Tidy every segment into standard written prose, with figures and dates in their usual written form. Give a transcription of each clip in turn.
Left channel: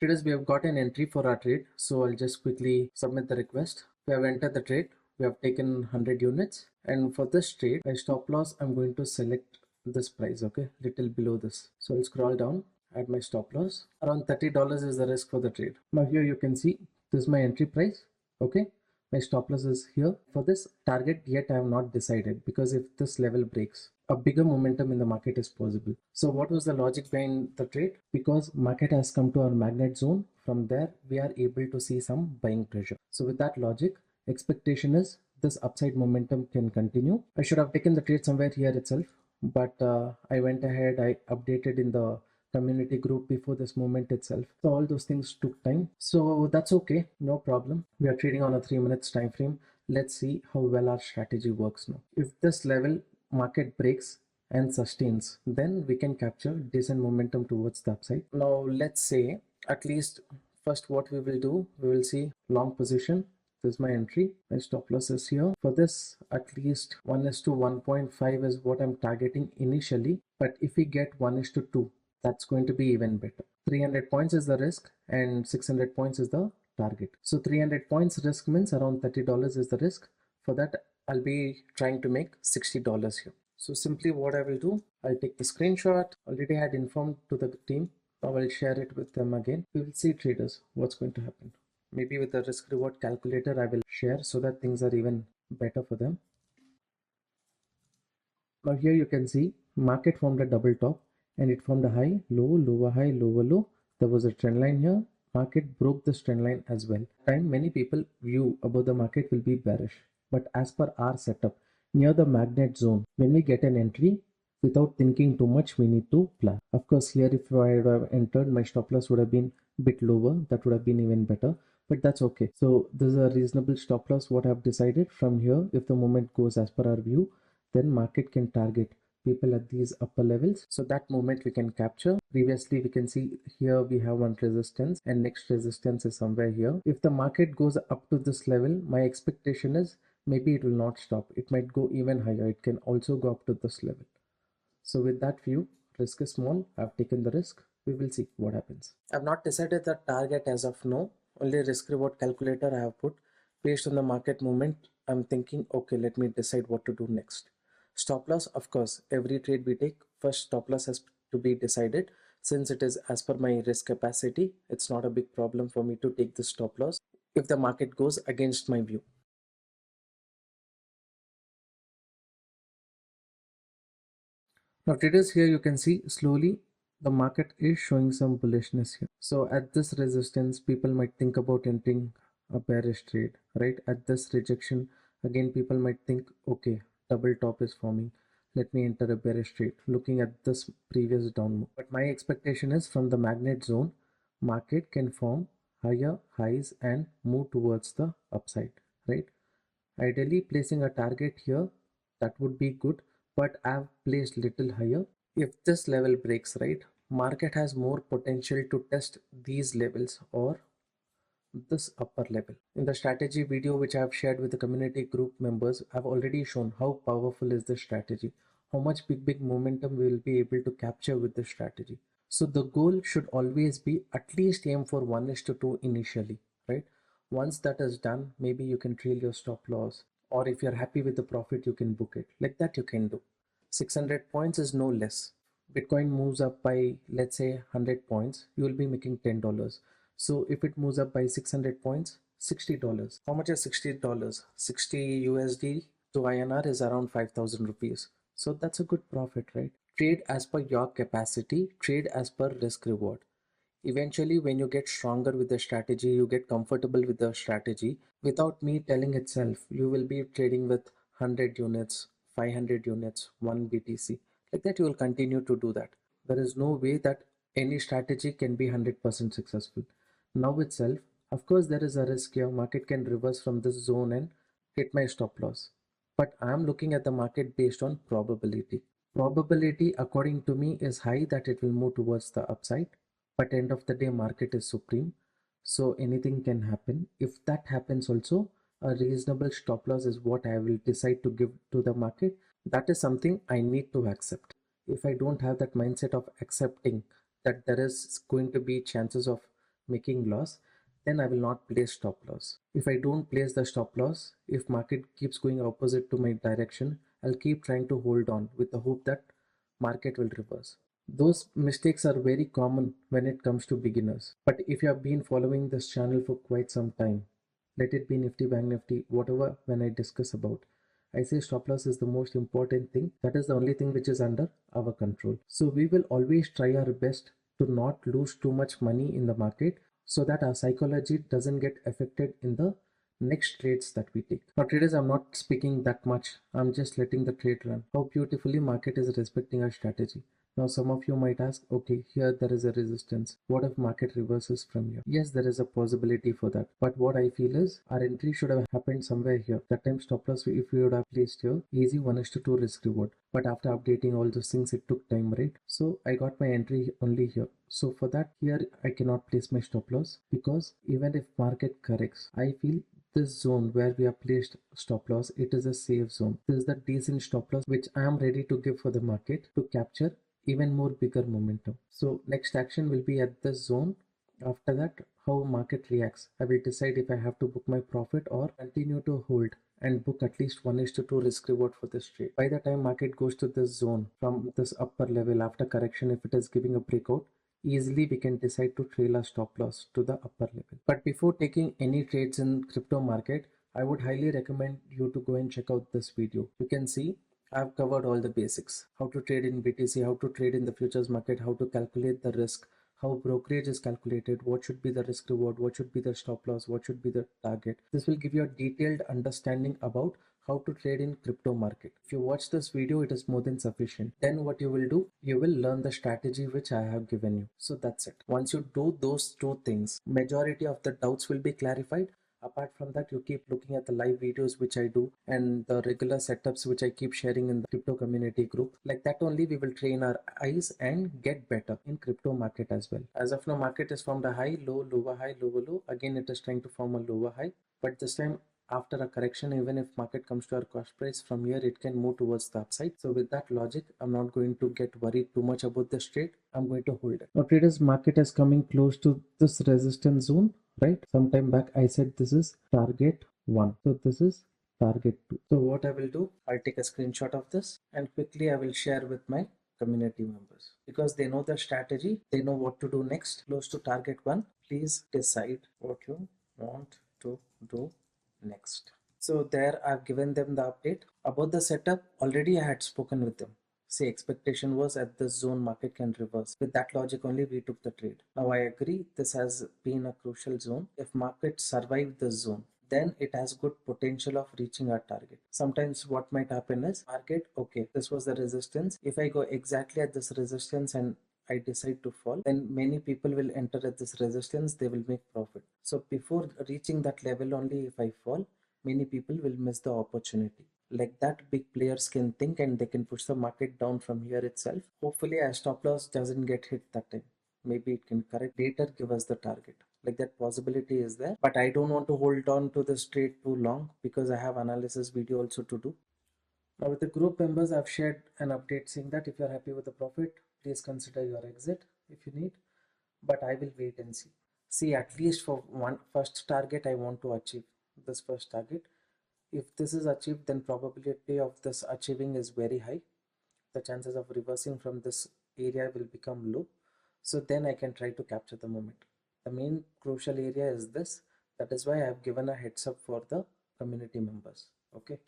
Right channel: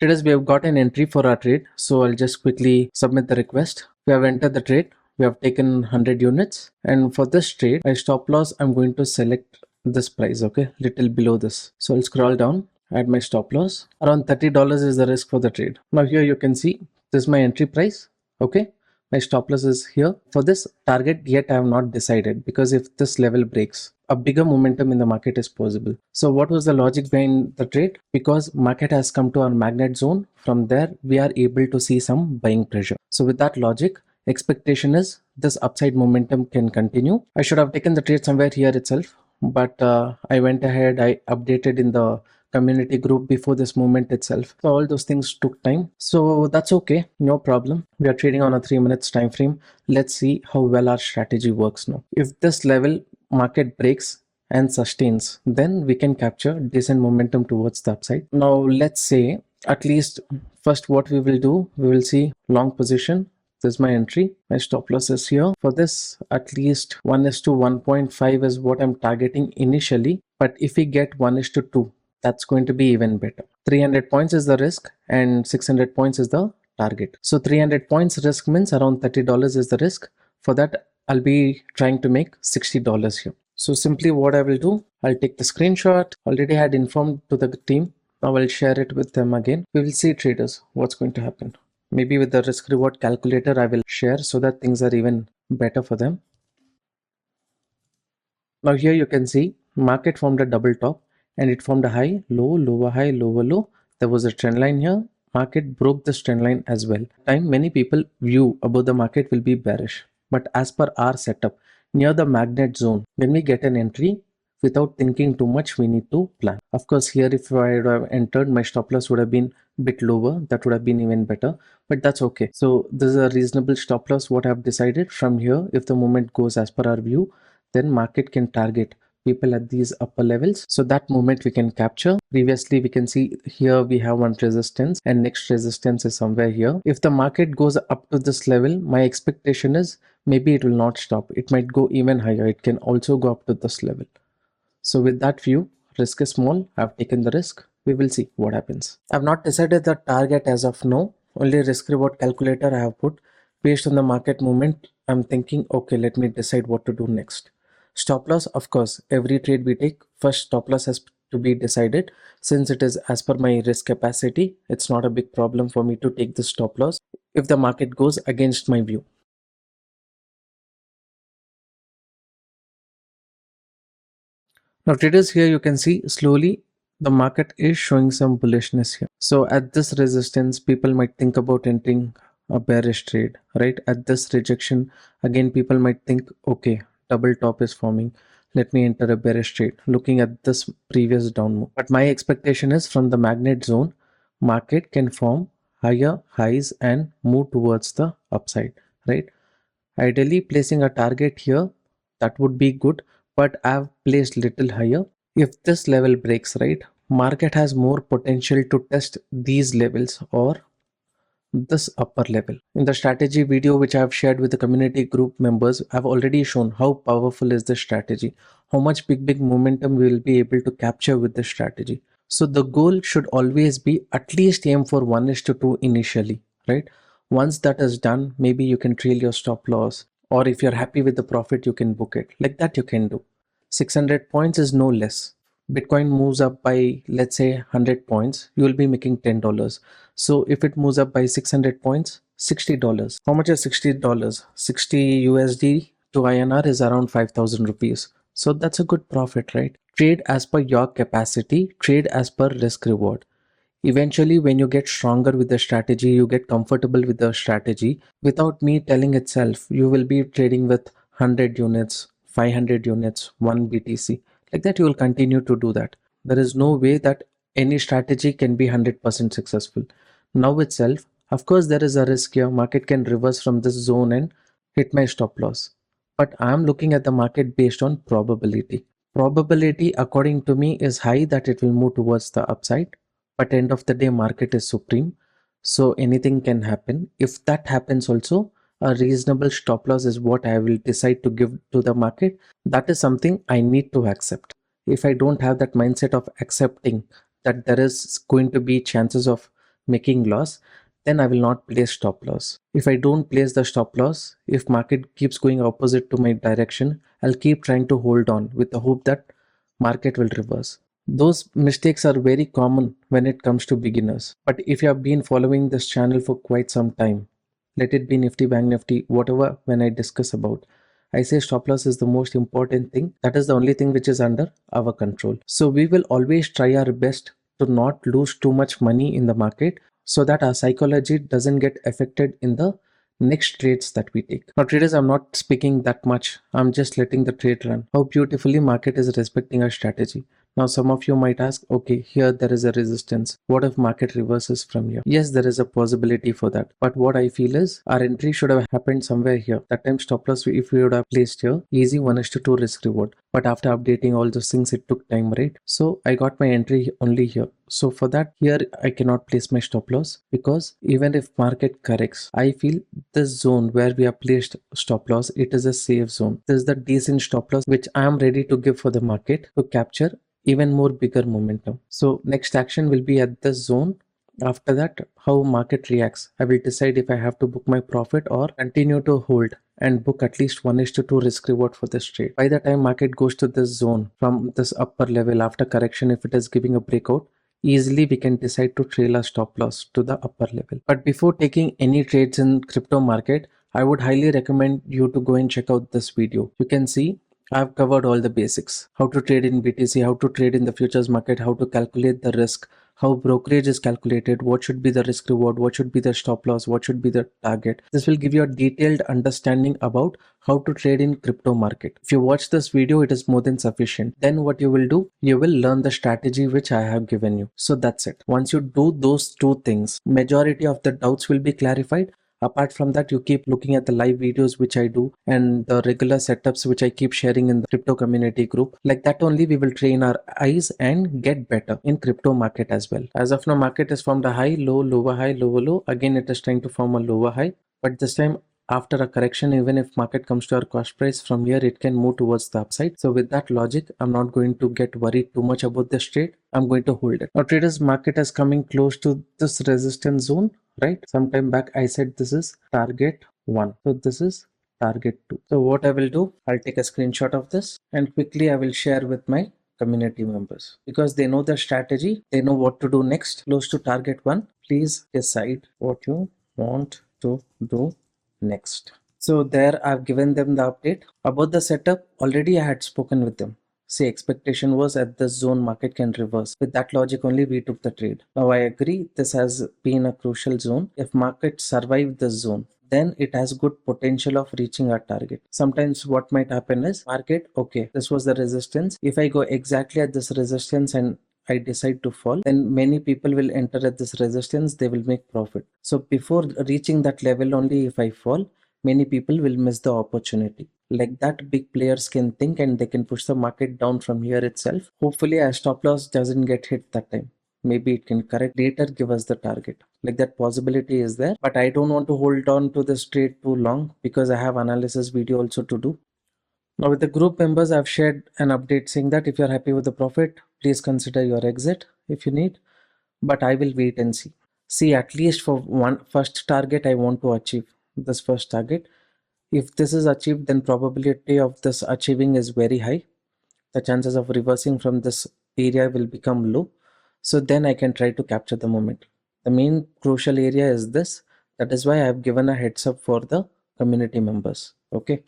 Traders, we have got an entry for our trade, so I'll just quickly submit the request. We have entered the trade. We have taken 100 units, and for this trade, my stop loss, I'm going to select this price, okay, little below this. So I'll scroll down, add my stop loss. Around $30 is the risk for the trade. Now here you can see this is my entry price, okay. My stop loss is here. For this target, yet I have not decided, because if this level breaks, a bigger momentum in the market is possible. So what was the logic behind the trade? Because market has come to our magnet zone. From there, we are able to see some buying pressure. So with that logic, expectation is this upside momentum can continue. I should have taken the trade somewhere here itself, but I went ahead, I updated in the community group before this movement itself. So all those things took time. So that's okay, no problem. We are trading on a 3 minutes time frame. Let's see how well our strategy works now. If this level market breaks and sustains, then we can capture decent momentum towards the upside. Now let's say at least first what we will do, we will see long position. This is my entry. My stop loss is here. For this, at least 1:1.5 is what I'm targeting initially. But if we get 1:2, that's going to be even better. 300 points is the risk and 600 points is the target. So 300 points risk means around $30 is the risk. For that, I'll be trying to make $60 here. So simply what I will do, I'll take the screenshot. Already had informed to the team. Now I'll share it with them again. We will see, traders, what's going to happen. Maybe with the risk reward calculator I will share so that things are even better for them. Now here you can see market formed a double top and it formed a high, low, lower high, lower low. There was a trend line here. Market broke this trend line as well. Many people view about the market will be bearish, but as per our setup, near the magnet zone, when we get an entry, without thinking too much, we need to plan. Of course, here if I had have entered, my stop loss would have been a bit lower. That would have been even better, but that's okay. So this is a reasonable stop loss what I've decided. From here, if the movement goes as per our view, then market can target people at these upper levels, so that movement we can capture. Previously we can see here we have one resistance and next resistance is somewhere here. If the market goes up to this level, my expectation is maybe it will not stop, it might go even higher. It can also go up to this level. So with that view, risk is small. I've taken the risk. We will see what happens. I've not decided the target as of now. Only risk reward calculator I have put. Based on the market movement, I'm thinking, okay, let me decide what to do next. Stop loss, of course, every trade we take, first stop loss has to be decided. Since it is as per my risk capacity, it's not a big problem for me to take the stop loss if the market goes against my view. Now traders, here you can see slowly the market is showing some bullishness here. So at this resistance, people might think about entering a bearish trade, right? At this rejection, again, people might think, okay, double top is forming. Let me enter a bearish trade looking at this previous down move. But my expectation is from the magnet zone, market can form higher highs and move towards the upside, right? Ideally placing a target here, that would be good, but I've placed little higher. If this level breaks, right, market has more potential to test these levels or this upper level. In the strategy video which I have shared with the community group members, I've already shown how powerful is this strategy, how much big momentum we will be able to capture with this strategy. So the goal should always be at least aim for 1:2 initially, right? Once that is done, maybe you can trail your stop loss, or if you're happy with the profit, you can book it. Like that you can do. 600 points is no less. Bitcoin moves up by, let's say, 100 points, you will be making $10. So if it moves up by 600 points, $60. How much is $60? 60 USD to INR is around 5,000 rupees. So that's a good profit, right? Trade as per your capacity, trade as per risk reward. Eventually, when you get stronger with the strategy, you get comfortable with the strategy. Without me telling itself, you will be trading with 100 units, 500 units, 1 BTC. Like that, you will continue to do that. There is no way that any strategy can be 100% successful. Now itself, of course, there is a risk here. Market can reverse from this zone and hit my stop loss. But I am looking at the market based on probability. Probability, according to me, is high that it will move towards the upside. But end of the day, market is supreme. So anything can happen. If that happens also, a reasonable stop loss is what I will decide to give to the market. That is something I need to accept. If I don't have that mindset of accepting that there is going to be chances of making loss, then I will not place stop loss. If I don't place the stop loss, if market keeps going opposite to my direction, I'll keep trying to hold on with the hope that market will reverse. Those mistakes are very common when it comes to beginners. But if you have been following this channel for quite some time, let it be Nifty, Bank Nifty, whatever, when I discuss about, I say stop loss is the most important thing. That is the only thing which is under our control. So we will always try our best to not lose too much money in the market so that our psychology doesn't get affected in the next trades that we take. Now traders, I'm not speaking that much. I'm just letting the trade run. How beautifully market is respecting our strategy. Now some of you might ask, okay, here there is a resistance. What if market reverses from here? Yes, there is a possibility for that. But what I feel is our entry should have happened somewhere here. That time stop loss, if we would have placed here, easy 1:2 risk reward. But after updating all those things, it took time, right? So I got my entry only here. So for that, here I cannot place my stop loss because even if market corrects, I feel this zone where we have placed stop loss, it is a safe zone. This is the decent stop loss which I am ready to give for the market to capture even more bigger momentum. So next action will be at this zone. After that, how market reacts, I will decide if I have to book my profit or continue to hold and book at least 1:2 risk reward for this trade. By the time market goes to this zone from this upper level after correction, if it is giving a breakout, easily we can decide to trail our stop loss to the upper level. But before taking any trades in crypto market, I would highly recommend you to go and check out this video. You can see I've covered all the basics: how to trade in BTC, how to trade in the futures market, how to calculate the risk, how brokerage is calculated, what should be the risk reward, what should be the stop loss, what should be the target. This will give you a detailed understanding about how to trade in crypto market. If you watch this video, it is more than sufficient. Then what you will do, you will learn the strategy which I have given you. So that's it. Once you do those two things, majority of the doubts will be clarified. Apart from that, you keep looking at the live videos which I do and the regular setups which I keep sharing in the crypto community group. Like that only we will train our eyes and get better in crypto market as well. As of now, market is formed a high, low, lower high, lower low. Again, it is trying to form a lower high. But this time, after a correction, even if market comes to our cost price, from here it can move towards the upside. So with that logic, I'm not going to get worried too much about this trade. I'm going to hold it. Now traders, market is coming close to this resistance zone, right? Sometime back I said this is target 1. So this is target 2. So what I will do, I'll take a screenshot of this and quickly I will share with my community members because they know the strategy, they know what to do next. Close to target 1, please decide what you want to do next. So there I've given them the update about the setup. Already I had spoken with them. Say expectation was at this zone market can reverse. With that logic only we took the trade. Now I agree this has been a crucial zone. If market survive this zone, then it has good potential of reaching our target. Sometimes what might happen is market, okay, this was the resistance. If I go exactly at this resistance and I decide to fall, then many people will enter at this resistance, they will make profit. So before reaching that level only, if I fall, many people will miss the opportunity. Like that, big players can think and they can push the market down from here itself. Hopefully a stop loss doesn't get hit that time. Maybe it can correct later, give us the target. Like that possibility is there, but I don't want to hold on to this trade too long because I have analysis video also to do. Now with the group members, I've shared an update saying that if you're happy with the profit, please consider your exit if you need, but I will wait and see. See, at least for one first target, I want to achieve this first target. If this is achieved, then probability of this achieving is very high. The chances of reversing from this area will become low. So then I can try to capture the moment. The main crucial area is this. That is why I have given a heads up for the community members. Okay.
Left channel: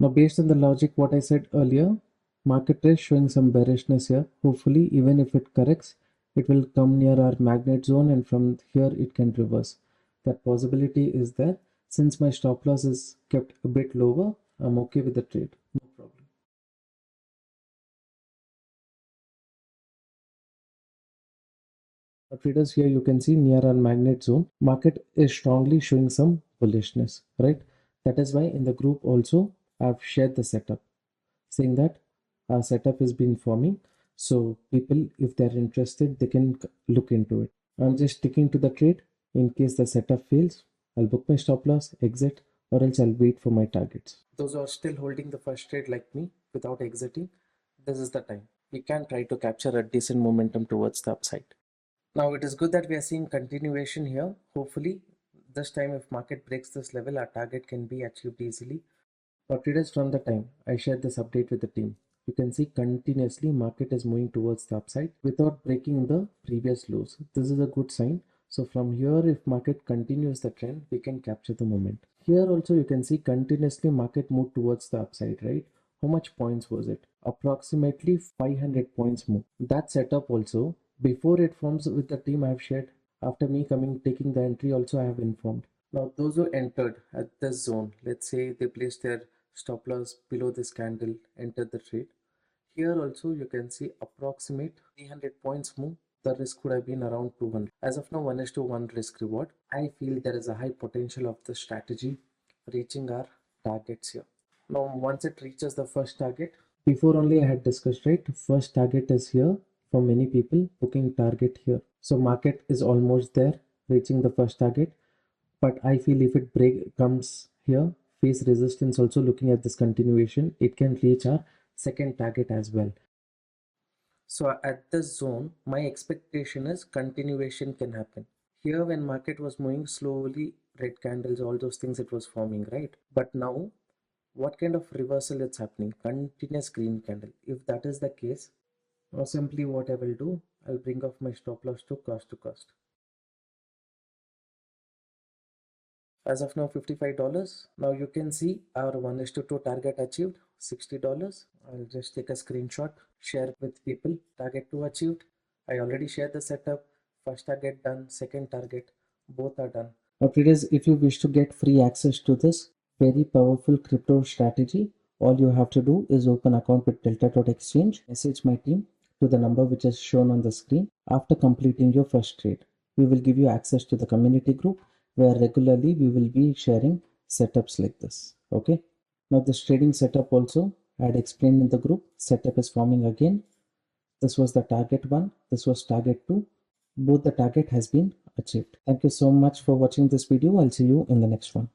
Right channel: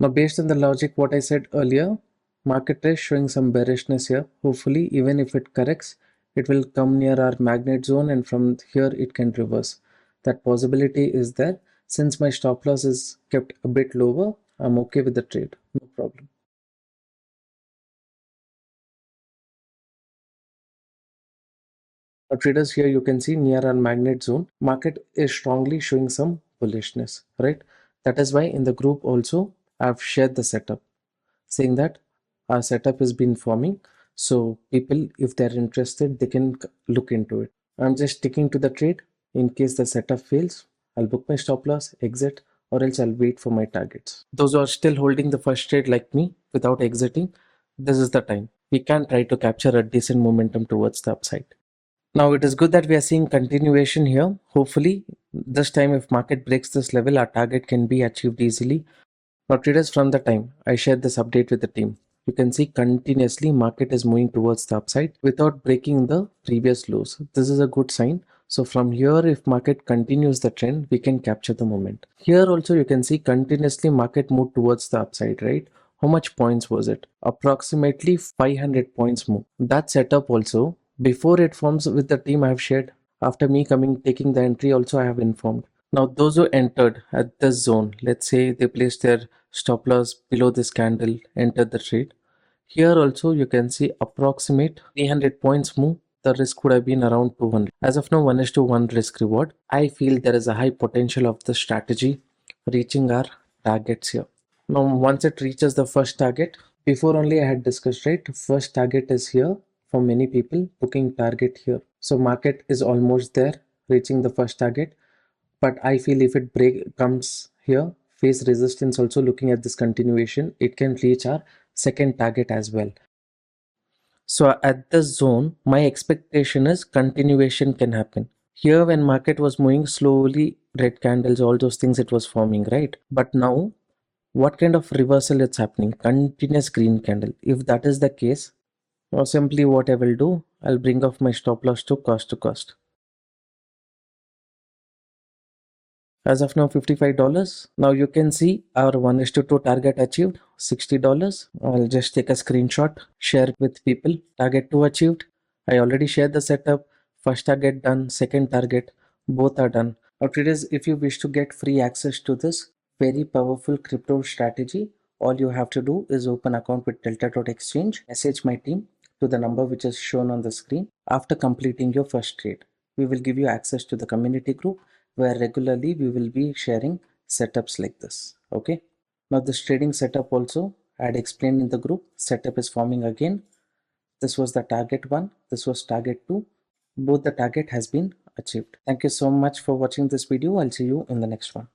Now, based on the logic what I said earlier, market is showing some bearishness here. Hopefully, even if it corrects, it will come near our magnet zone and from here it can reverse. That possibility is there. Since my stop loss is kept a bit lower, I'm okay with the trade. No problem. Now, traders, here you can see near our magnet zone, market is strongly showing some bullishness, right? That is why in the group also I've shared the setup, saying that our setup has been forming, so people, if they're interested, they can look into it. I'm just sticking to the trade. In case the setup fails, I'll book my stop loss, exit, or else I'll wait for my targets. Those who are still holding the first trade like me without exiting, this is the time we can try to capture a decent momentum towards the upside. Now it is good that we are seeing continuation here. Hopefully this time if market breaks this level, our target can be achieved easily. Now traders, from the time I shared this update with the team, you can see continuously market is moving towards the upside without breaking the previous lows. This is a good sign. So from here, if market continues the trend, we can capture the moment. Here also you can see continuously market moved towards the upside, right? How much points was it? Approximately 500 points move. That setup also, before it forms with the team I have shared, after me coming taking the entry also I have informed. Now those who entered at this zone, let's say they placed their stop loss below this candle, entered the trade. Here also you can see approximate 300 points move. The risk would have been around 200. As of now, 1:1 risk reward. I feel there is a high potential of the strategy reaching our targets here. Now once it reaches the first target, before only I had discussed, right? First target is here for many people, booking target here. So market is almost there, reaching the first target. But I feel if it break comes here, face resistance also, looking at this continuation, it can reach our second target as well. So at this zone, my expectation is continuation can happen. Here when market was moving slowly, red candles, all those things it was forming, right? But now, what kind of reversal it's happening? Continuous green candle. If that is the case, now simply what I will do, I'll bring off my stop loss to cost to cost. As of now, $55. Now you can see our 1:2 target achieved, $60. I'll just take a screenshot, share it with people. Target 2 achieved. I already shared the setup. First target done, second target, both are done. Now traders, if you wish to get free access to this very powerful crypto strategy, all you have to do is open account with Delta.exchange, message my team to the number which is shown on the screen. After completing your first trade, we will give you access to the community group where regularly we will be sharing setups like this. Okay, now this trading setup also I had explained in the group. Setup is forming again. This was the target 1, this was target 2. Both the target has been achieved. Thank you so much for watching this video. I'll see you in the next one.